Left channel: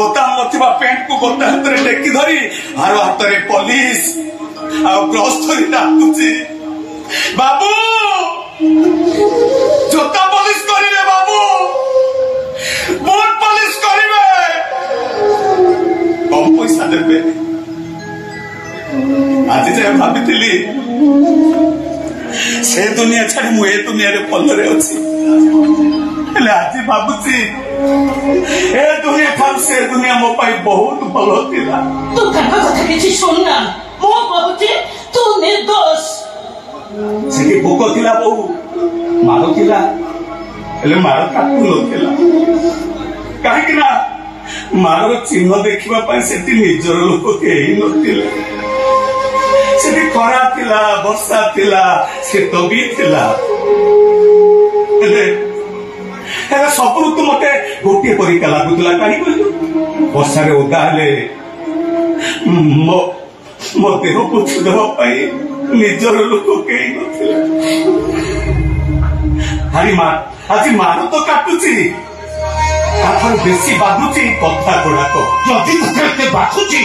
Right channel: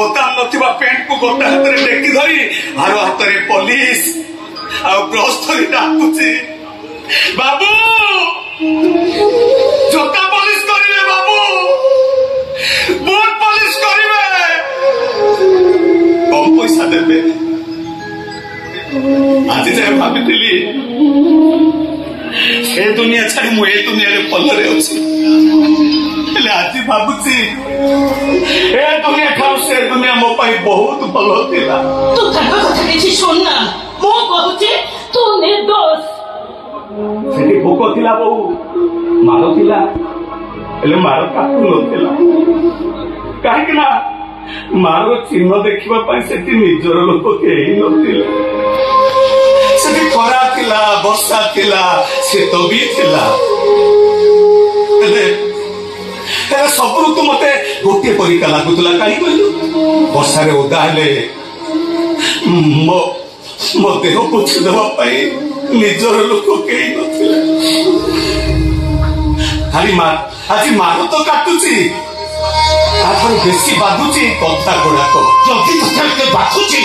बोताम नथिबा paint को गोटा हाथ रे टेकी धरी आरो हाथ रे पुलिस आ ब्रश धरी डाकुची बाबू जोता पुलिस करिवे बाबू बोट पुलिस करिवे कम पैसा देबे आज जे भाबिथिली से दुनिया छाड़ी मु ए दुनिया रे पल्लरे अछि आज भाବୁची ए दुनिया ठार से दुनिया मो पाई बहुत भलो थिला तू ताका कथा किछि सुन ना मो कहूची तू निर्दोष से भूख थिला बहु मारो थिला एले मारो काटू न थिला काहे कि ना मारो चिन्ह देखिबा पाई सेति निजर लोक केही नथिले सेति खरा थिला वर्षा थिला शीत भी थिला तार सब ऋतु मते गोटे परिका लगुला कहीं कहलु वर्षा रे ओदा हेले मो देह पोछि देवाई निजर लोक कई नथिले हारी मार आज मार तो काटुची ताथार बेसी बाधुची कथा गुड़ाक जदि तोते बाधुची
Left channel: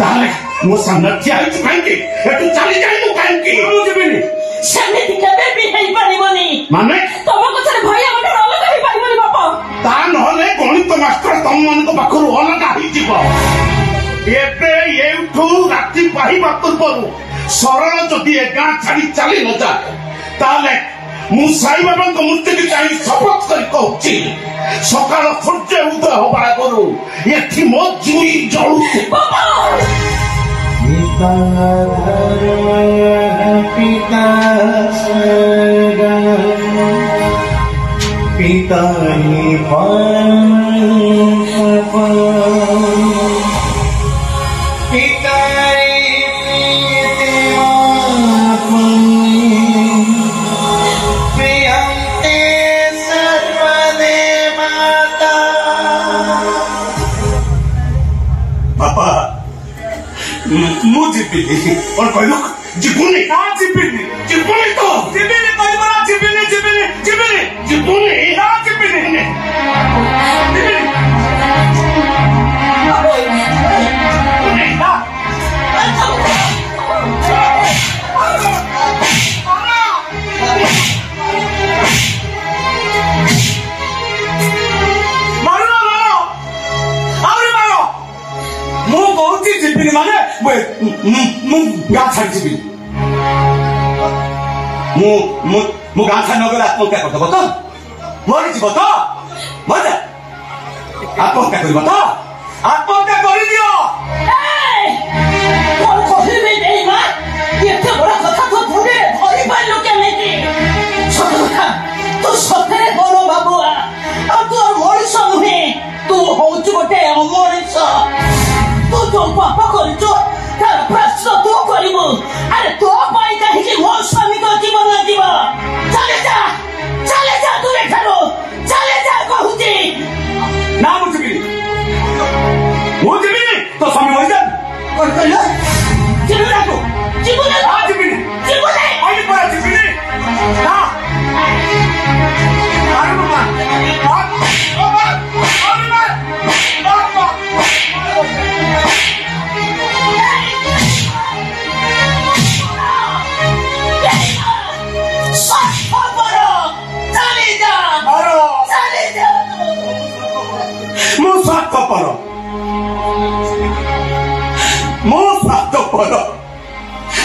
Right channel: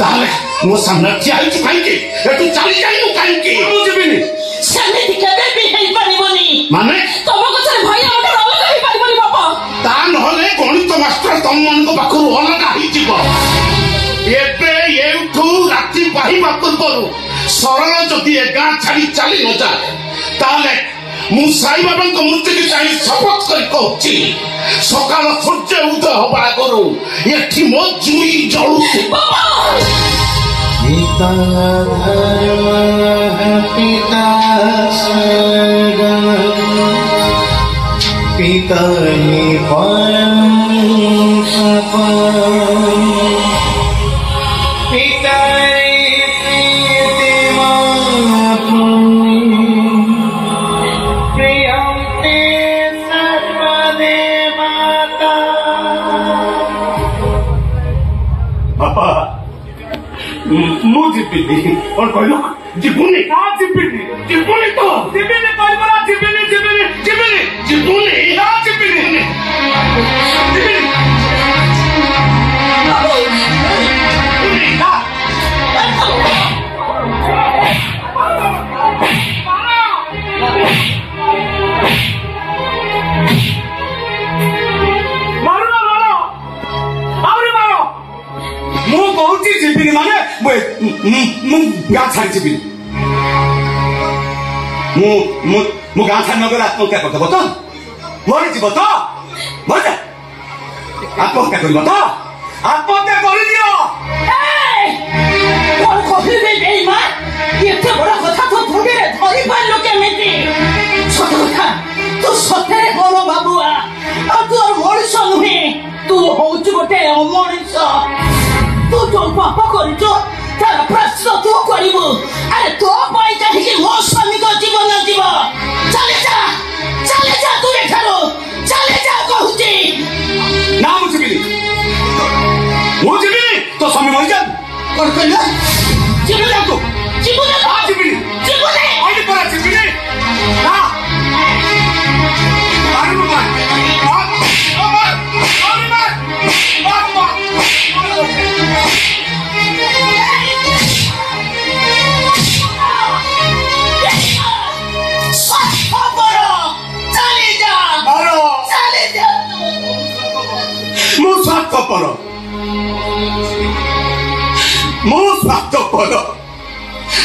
ताले मो सामने ठिया होछि काहेकि एतु चली जाइनु काहेकि मु जेबिनी सामने केबे भी हेई परिबोनी माने तम कथरे भई हमर अलग हेई परिबोनी बापा ता नहले गणित मास्टर तम मन को पाखरु अलग होई जिवो एबे एठू राती पाहिबा पूर्वरु सरल जदि ए गां छाड़ी चली न जा ताले मु साई बाबा को मूर्ति की चाहि शपथ कर कहछि सकाल सूर्य उदय होबा करू एठी मो जुई जळु बाबा पिता पिता पिता और कोई लोग जीवनी हाँ जीवनी जीवनी तो जीवनी कोई बड़ा जीवनी जीवनी जीवनी जीवनी हाँ जीवनी मारो मारो और मारो मु कहूची जीवनी माने मु गाँ छाड़ी जीवी मु गाँ छाड़ी नगर आत्महत्या करदेव तो मरीज तो मर आत्महत्या कर आत्महत्या कर बाबुआ तू मनीष नुहे तू हूँ गोटे अमनीष तू जो पाप कर प्रश्न तू करू अरे तो कहीं मो स्वामी को जीवन जीव चले जा तू एठारो चले जा कहूची ना मुझे तो स्वामी मर जा और कहला जीवन को जीवन हां जीवन जीवन आगे पड़ा जीवन हां अरे बाबा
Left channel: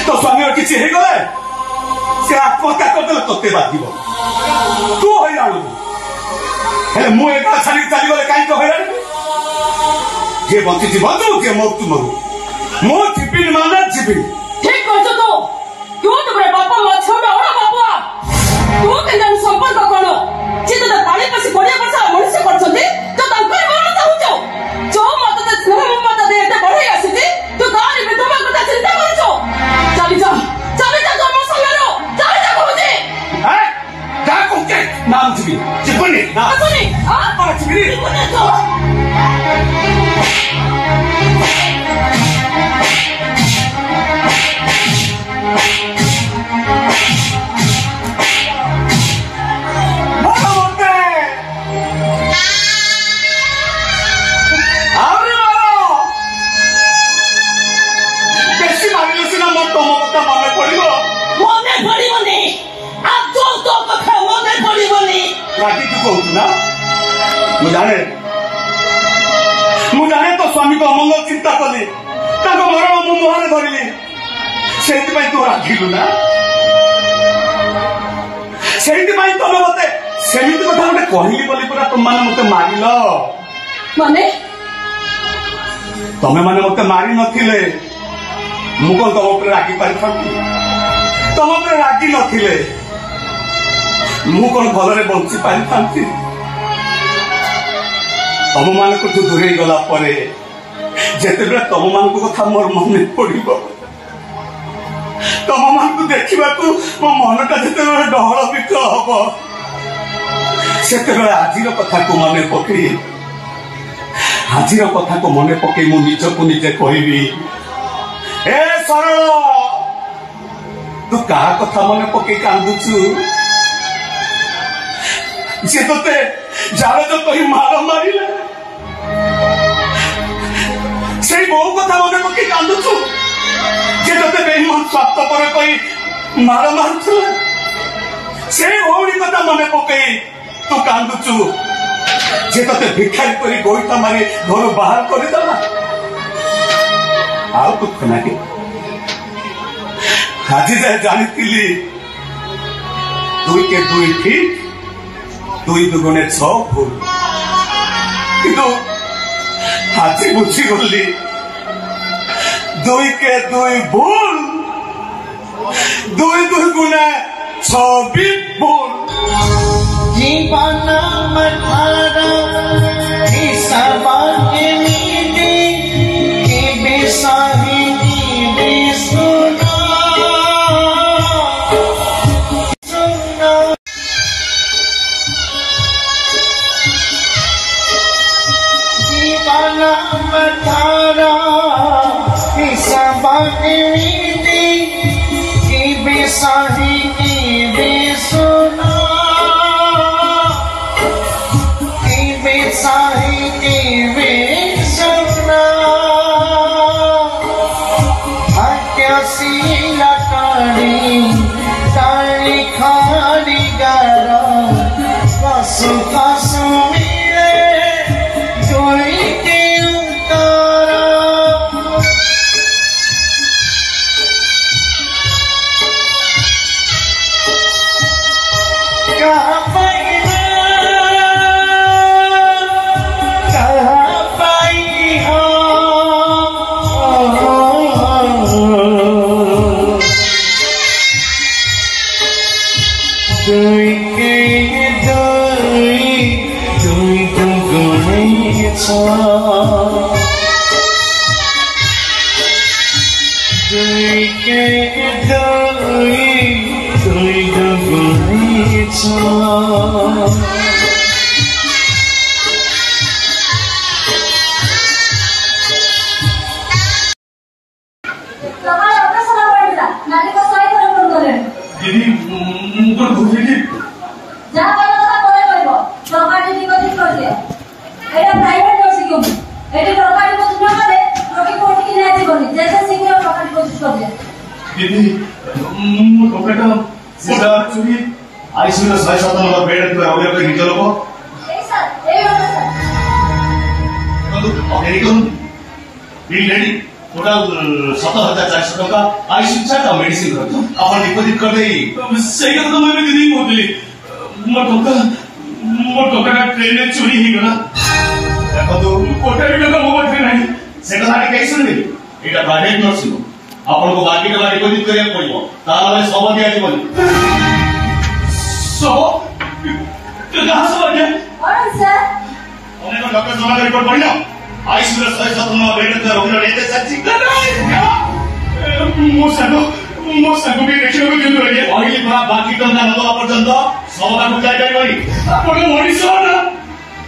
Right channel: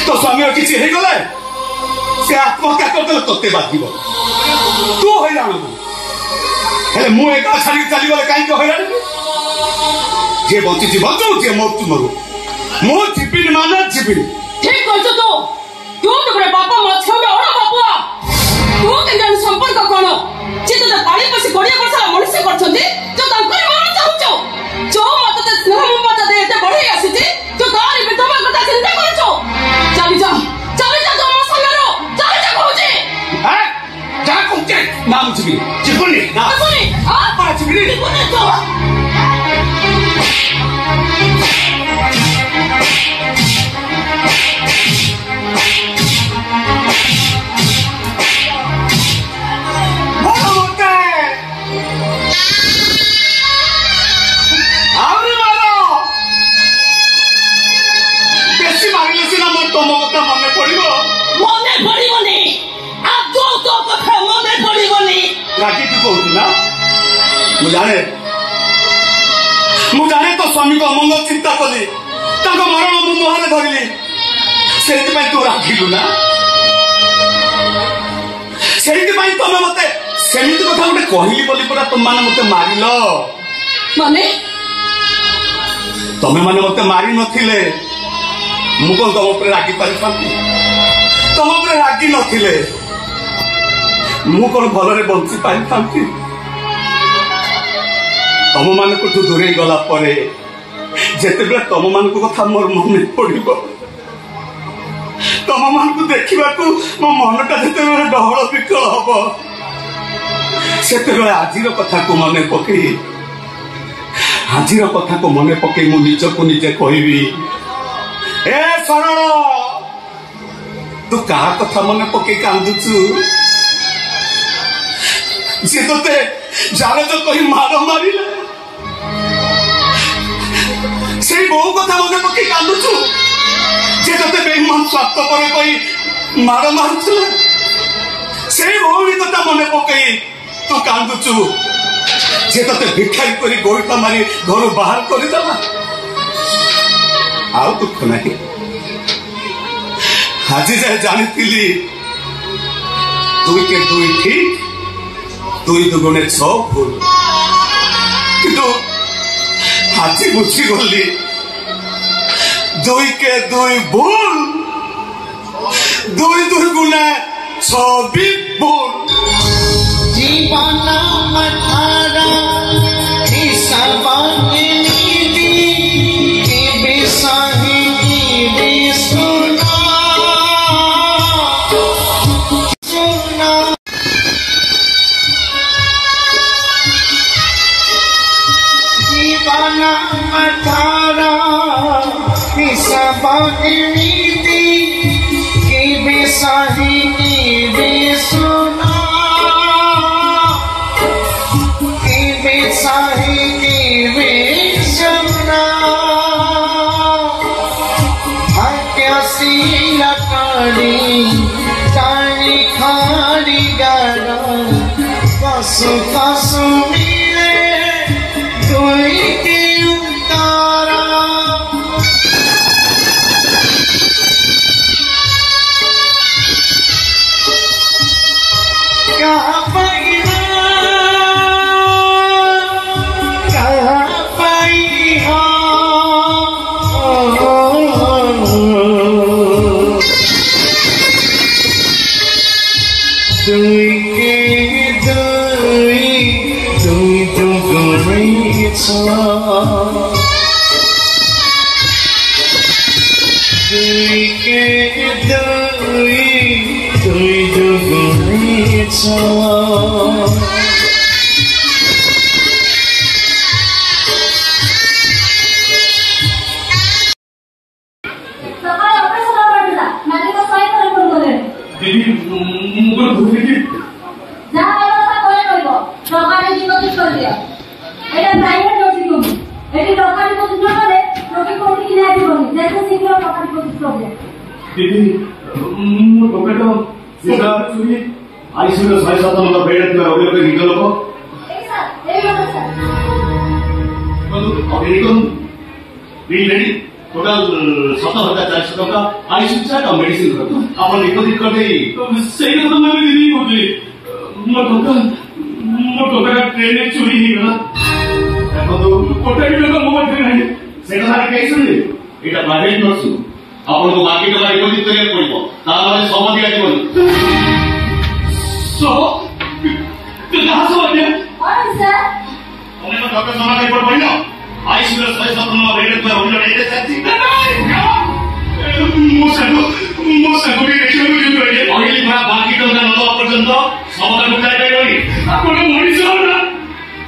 तो स्वामी किसी गले से आत्महत्या करदे तोते बाधिब तू हैरान मुझे छाड़ी चलीगले कहीं हैरान जे बंची बचू जे मरु मरु मु जीविनी माने जीविनी ठीक कहछ तू तो बड़े बापा मछौ ओड़ा बापुआ तू के जान संपर्क कोन जे तो ताली पसी गोड़िया वर्ष मनुष्य करछंती तो तांकर मन चाहूचो जो मत ते स्नेह मत दे एते बढ़ई आसीती तो गाली विधवा कथा चिंता करछो चली जा तो मसलारो चली जा कहूची ए जा कहूची नाम जीविनी ना जीविनी हां पा जीविनी जीविनी तो और ମୁଁ ଜାଣେ ତୋ ସ୍ୱାମୀଙ୍କ ଅମଙ୍ଗଳ ଚିନ୍ତା କଲି ତାଙ୍କ ମରଣ ମୁଁ ମୁହଁରେ ଧରିଲି ସେଇଥିପାଇଁ ତୁ ରାଗିଲୁ ନା ସେଇଥିପାଇଁ ତମେ ମତେ ସେମିତି କଥା ଗୋଟେ କହିଲି ବୋଲି ପୁରା ତୁମମାନେ ମତେ ମାରିଲ ମାନେ ତମେ ମାନେ ମତେ ମାରି ନଥିଲେ ମୁଁ କଣ ତମ ଉପରେ ରାଗି ପାରିଥାନ୍ତି ତମ ଉପରେ ରାଗି ନଥିଲେ ମୁଁ କଣ ଭଲରେ ବଞ୍ଚି ପାରିଥାନ୍ତି ତମ ମାନଙ୍କଠୁ ଦୂରେଇ ଗଲା ପରେ ଯେତେବେଳେ ତମ ମାନଙ୍କ କଥା ମୋର ମନେ ପଡିବ ତମ ମାନଙ୍କୁ ଦେଖିବାକୁ ମୋ ମନଟା ଯେତେବେଳେ ଡହଳ ବିକଳ ହବ ସେତେବେଳେ ଆଜିର କଥାକୁ ମନେ ପକେଇ ମୁଁ ନିଜକୁ ନିଜେ କହିବି ଏ ସରଳ ତୁ କାହା କଥା ମନେ ପକେଇ କାନ୍ଦୁଛୁ ସେ ତୋତେ ଜାରଜ କହି ମାଡ଼ ମାରିଲା ସେଇ ବୋଉ କଥା ମନେ ପକେଇ କାନ୍ଦୁଛୁ ସେ ତୋତେ ବେଇମାନ ସ୍ୱାର୍ଥପର କହି ମାଡ଼ ମାରୁଥିଲା ସେଇ ଭଉଣୀ କଥା ମନେ ପକେଇ ତୁ କାନ୍ଦୁଛୁ ସେ ତୋତେ ଭିକ୍ଷାଇ କରି ଗୋଇଠା ମାରି ଘରୁ ବାହାର କରିଦେଲା ଆଉ ଦୁଃଖ ନାହିଁ ଆଜି ଯାଏ ଜାଣିଥିଲି 2 କେ 2 ଠିକ 2 ଦୁଗୁଣେ 6 ଭୁଲ କିନ୍ତୁ ଆଜି ବୁଝିଗଲି 2 କେ 2 ଭୁଲ 2 ଦୁଗୁଣେ 6 ବି ଭୁଲ जीवन मठारा हिसाबानी नीति के बेसाही की बेसुना सुना जीवन मठारा हिसाबानी नीति के बेसाही की बेसुना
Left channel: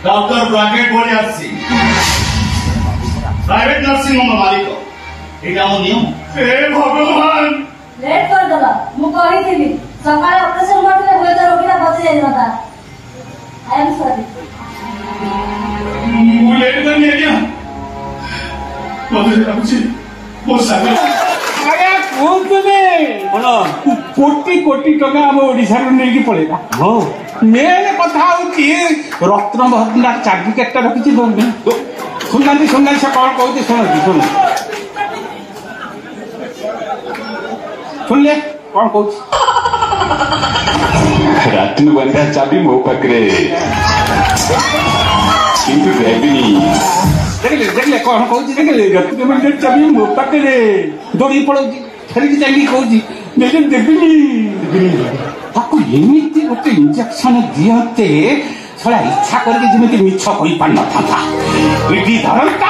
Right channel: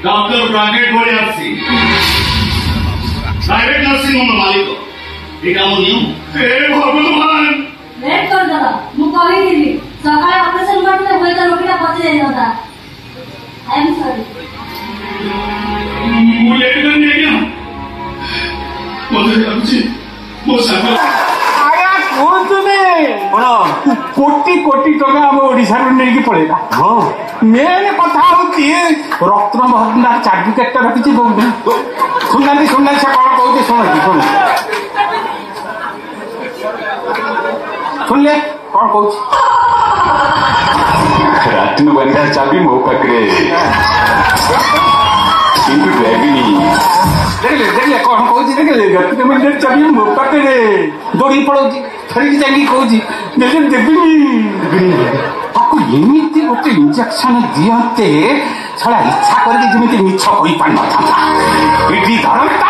डॉक्टर ब्राकेट बोले प्राइवेट नर्सिंग होम मालिक एटा हम नियम ए भगवान लेट कर दला मु कहि दिली सकाळे ऑपरेशन करते होय त रोगीला बचे जाय नता आई एम सॉरी मु लेट कर नहीं गया मते लाଗୁଛି मो सागर आगा कोतने कोटी कोटी टका हम ओडिसा रो नेकी पळेला हां मेन कथा हूँ रत्न भंडार सर्टिफिकेट रखी दौना शुणा से कौन कौन शुणुची शुण शुणिले कौन कौन रत्न भंडार चाबी मो पाखे देखिए कौन कौन देखिए रत्न भंडार चाबी मो पाखे दौड़ी पड़ाऊँ फेरिक जाकि कौन देवी एमती गोटे इंजेक्शन दियते छड़ा इच्छा करके जमी मिछ कही पार न था एटी धरता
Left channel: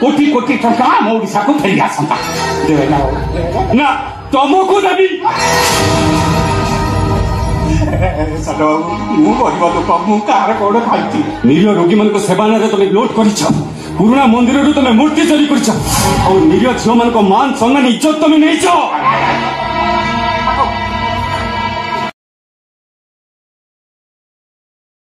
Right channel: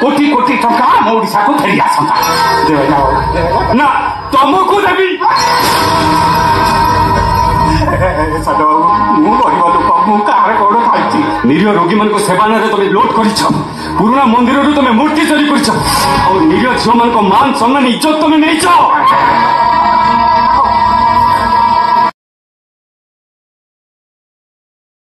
कोटी कोटी टंका आम ओडिशा को फेरी आसंता ना तुमको देवी मु गरीब लोक मु कार कौन खाई निरीह रोगी मान सेवा ना तुम लुट कर पुराना मंदिर तुम मूर्ति चोरी कर निरीह झील मान मान सम्मान इज्जत तुम नहीं